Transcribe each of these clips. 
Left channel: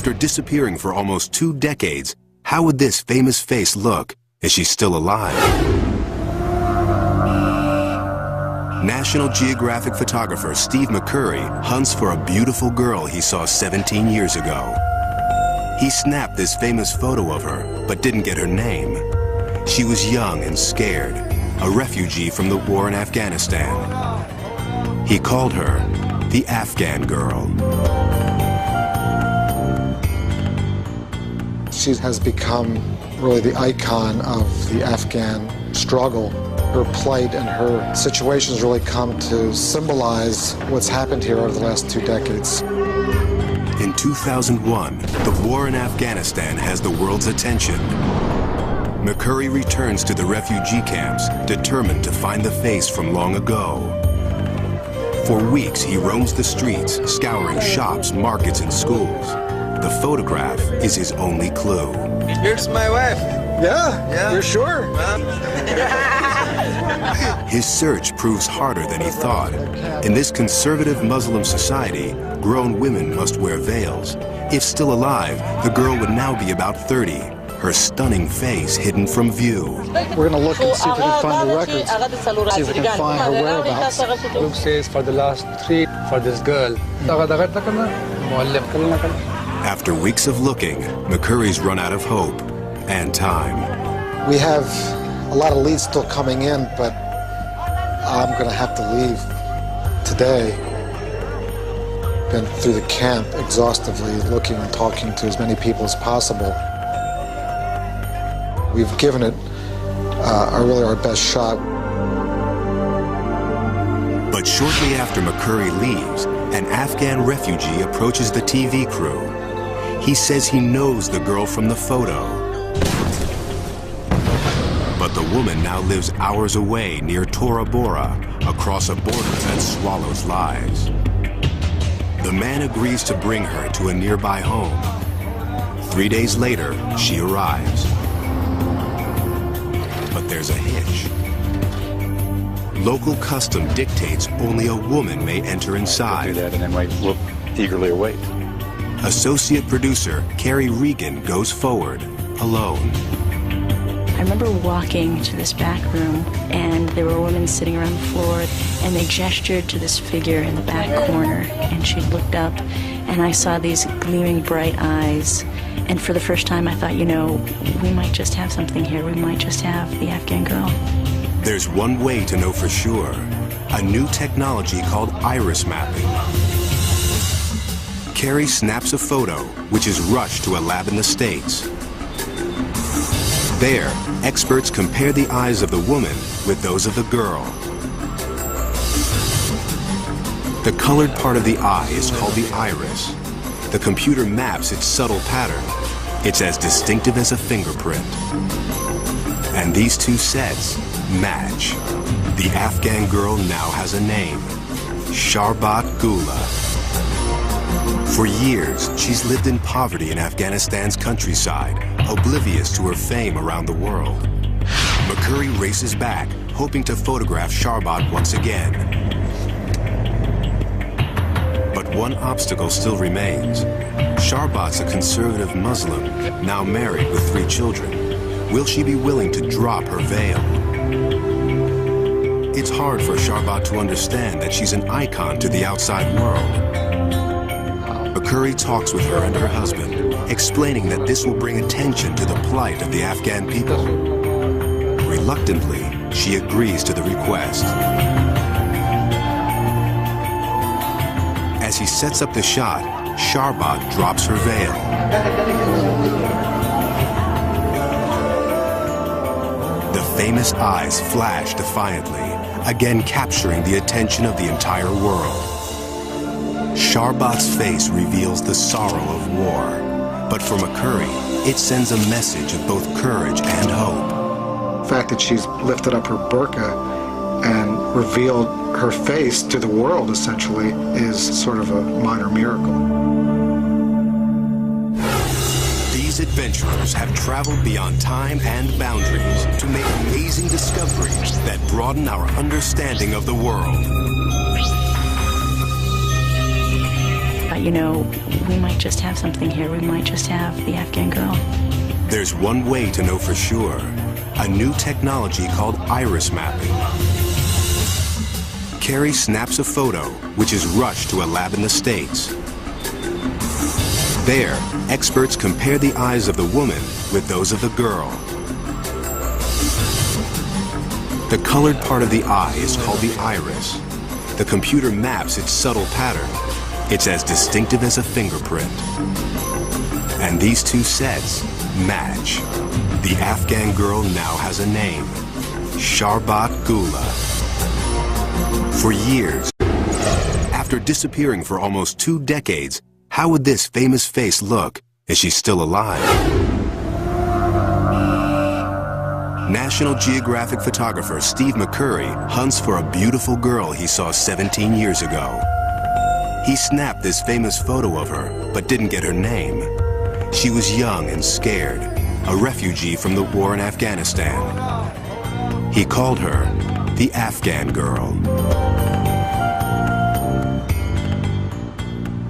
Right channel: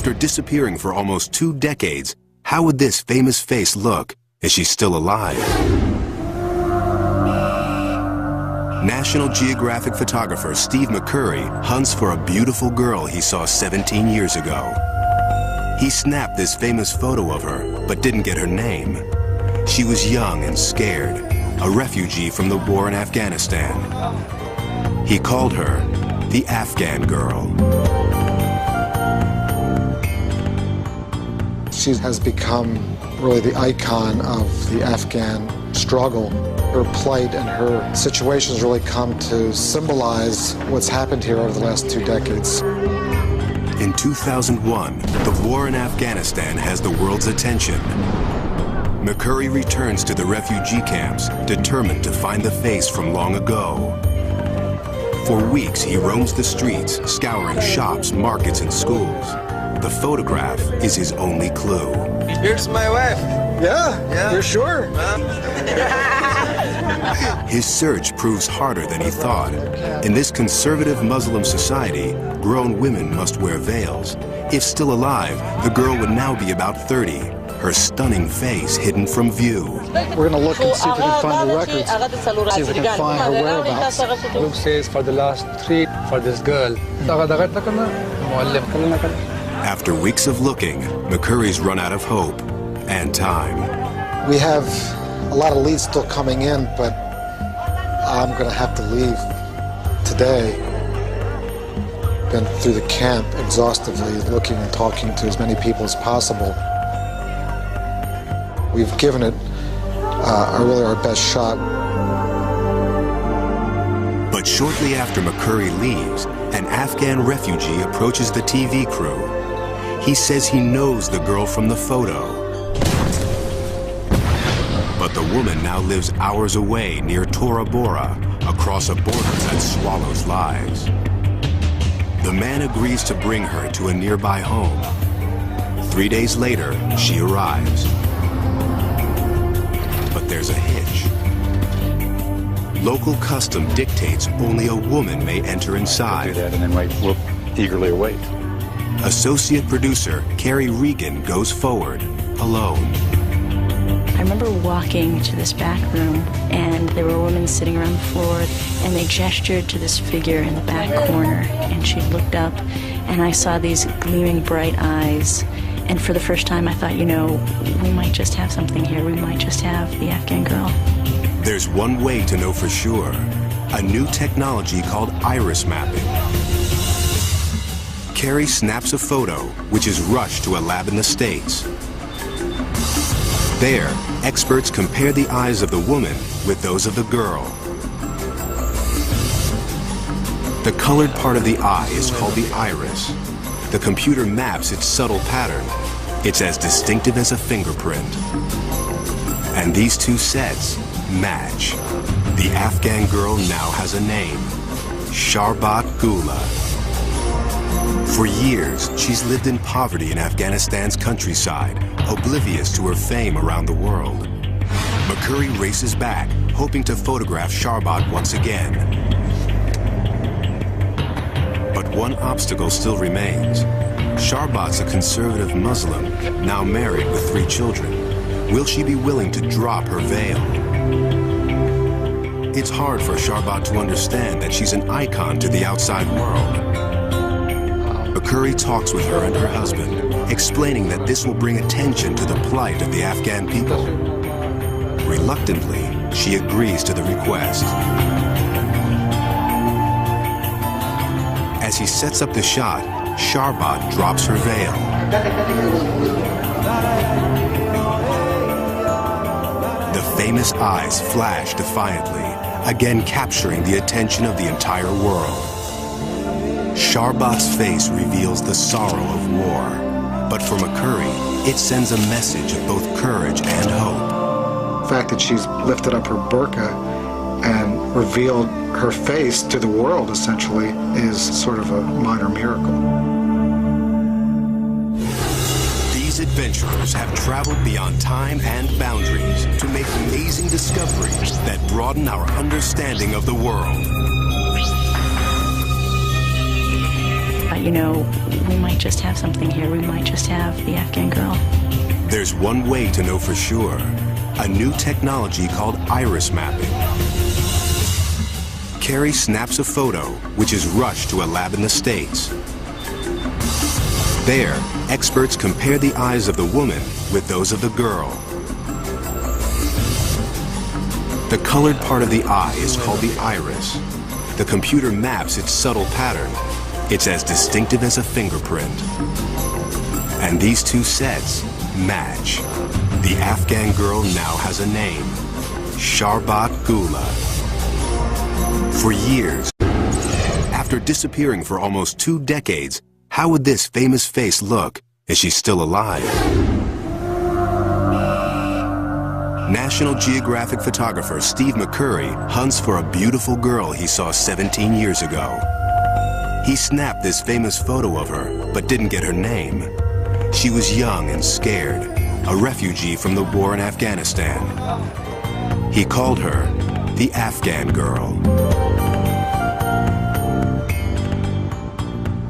After disappearing for almost 2 decades, how would this famous face look? Is she still alive? National Geographic photographer Steve McCurry hunts for a beautiful girl he saw 17 years ago. He snapped this famous photo of her, but didn't get her name. She was young and scared, a refugee from the war in Afghanistan. He called her the Afghan Girl. She has become really the icon of the Afghan struggle. Her plight and her situations really come to symbolize what's happened here over the last 2 decades. In 2001, the war in Afghanistan has the world's attention. McCurry returns to the refugee camps, determined to find the face from long ago. For weeks, he roams the streets, scouring shops, markets, and schools. The photograph is his only clue. Here's my wife. Yeah, you're sure? His search proves harder than he thought. In this conservative Muslim society, grown women must wear veils. If still alive, the girl would now be about 30, her stunning face hidden from view. We're going to look and see if we can find the records, see if we can find her whereabouts. Luke says for the last 3 for this girl. After weeks of looking, McCurry's run out of hope and time. We have a lot of leads still coming in, but I'm going to have to leave today. Been through the camp exhaustively, looking and talking to as many people as possible. We've given it really our best shot. But shortly after McCurry leaves, an Afghan refugee approaches the TV crew. He says he knows the girl from the photo. But the woman now lives hours away near Tora Bora, across a border that swallows lives. The man agrees to bring her to a nearby home. 3 days later, she arrives. But there's a hitch. Local custom dictates only a woman may enter inside. Do that and then we'll eagerly await. Associate producer Carrie Regan goes forward, alone. I remember walking to this back room, and there were women sitting around the floor, and they gestured to this figure in the back corner, and she looked up, and I saw these gleaming bright eyes. And for the first time, I thought, you know, we might just have something here. We might just have the Afghan girl. There's one way to know for sure. A new technology called iris mapping. Carrie snaps a photo, which is rushed to a lab in the States. There, experts compare the eyes of the woman with those of the girl. The colored part of the eye is called the iris. The computer maps its subtle pattern. It's as distinctive as a fingerprint. And these two sets match. The Afghan girl now has a name, Sharbat Gula. For years, she's lived in poverty in Afghanistan's countryside, oblivious to her fame around the world. McCurry races back, hoping to photograph Sharbat once again. But one obstacle still remains. Sharbat's a conservative Muslim, now married with 3 children. Will she be willing to drop her veil? It's hard for Sharbat to understand that she's an icon to the outside world. McCurry talks with her and her husband, explaining that this will bring attention to the plight of the Afghan people. Reluctantly, she agrees to the request. As he sets up the shot, Sharbat drops her veil. The famous eyes flash defiantly, again capturing the attention of the entire world. Sharbat's face reveals the sorrow of war, but for McCurry, it sends a message of both courage and hope. The fact that she's lifted up her burqa and revealed her face to the world, essentially, is sort of a minor miracle. These adventurers have traveled beyond time and boundaries to make amazing discoveries that broaden our understanding of the world. You know, we might just have something here. We might just have the Afghan girl. There's one way to know for sure. A new technology called iris mapping. Carrie snaps a photo, which is rushed to a lab in the States. There, experts compare the eyes of the woman with those of the girl. The colored part of the eye is called the iris. The computer maps its subtle pattern. It's as distinctive as a fingerprint. And these two sets match. The Afghan girl now has a name, Sharbat Gula. For years, after disappearing for almost 2 decades, how would this famous face look? Is she still alive? National Geographic photographer Steve McCurry hunts for a beautiful girl he saw 17 years ago. He snapped this famous photo of her, but didn't get her name. She was young and scared, a refugee from the war in Afghanistan. He called her the Afghan Girl.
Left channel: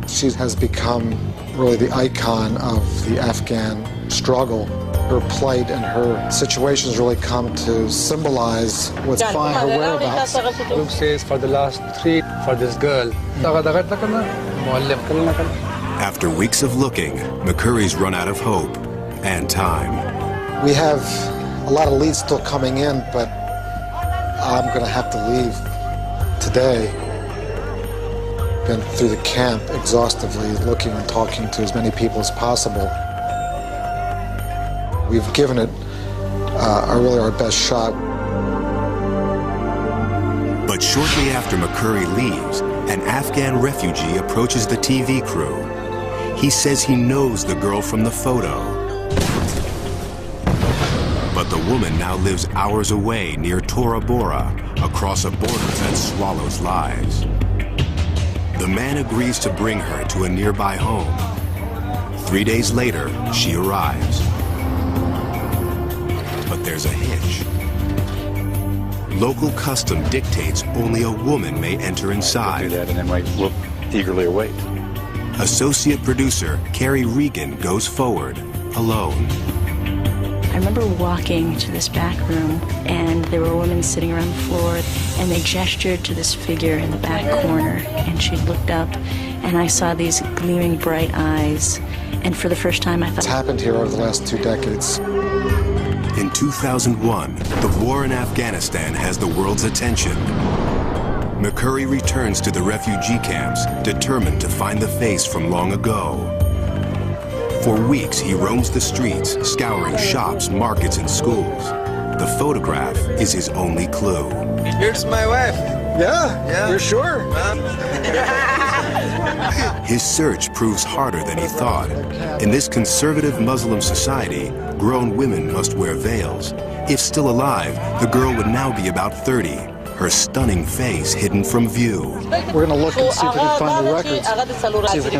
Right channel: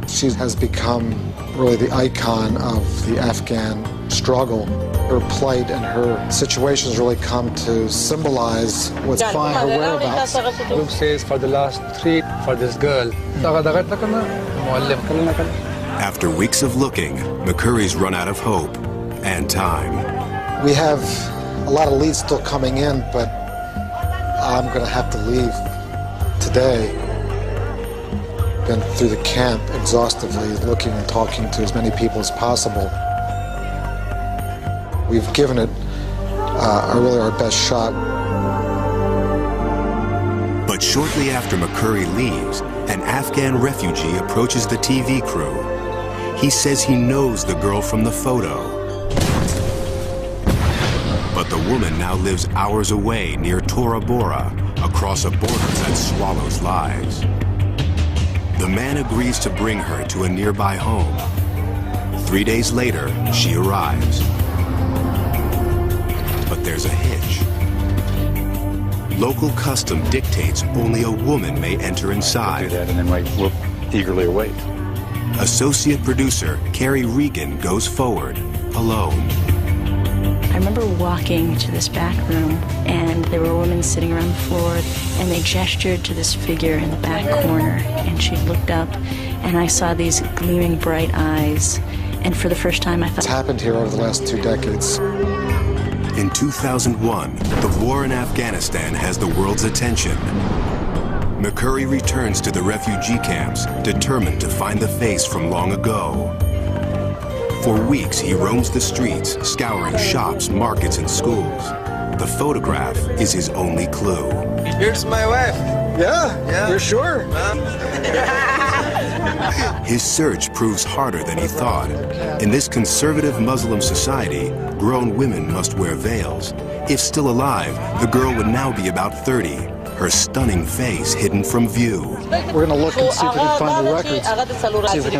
She has become really the icon of the Afghan struggle. Her plight and her situations really come to symbolize what's behind her whereabouts. Luke says for the last 3 for this girl. After weeks of looking, McCurry's run out of hope and time. We have a lot of leads still coming in, but I'm going to have to leave today. Been through the camp exhaustively, looking and talking to as many people as possible. We've given it really our best shot. But shortly after McCurry leaves, an Afghan refugee approaches the TV crew. He says he knows the girl from the photo. But the woman now lives hours away near Tora Bora, across a border that swallows lives. The man agrees to bring her to a nearby home. 3 days later, she arrives. But there's a hitch. Local custom dictates only a woman may enter inside. Do that, and then we'll eagerly await. Associate producer Carrie Regan goes forward, alone. I remember walking to this back room, and there were women sitting around the floor, and they gestured to this figure in the back corner, and she looked up, and I saw these gleaming bright eyes, and for the first time I thought... It's happened here over the last 2 decades. In 2001, the war in Afghanistan has the world's attention. McCurry returns to the refugee camps, determined to find the face from long ago. For weeks, he roams the streets, scouring shops, markets, and schools. The photograph is his only clue. Here's my wife. Yeah? You're sure? His search proves harder than he thought. In this conservative Muslim society, grown women must wear veils. If still alive, the girl would now be about 30, her stunning face hidden from view. We're going to look and see if we can find the records. See if we can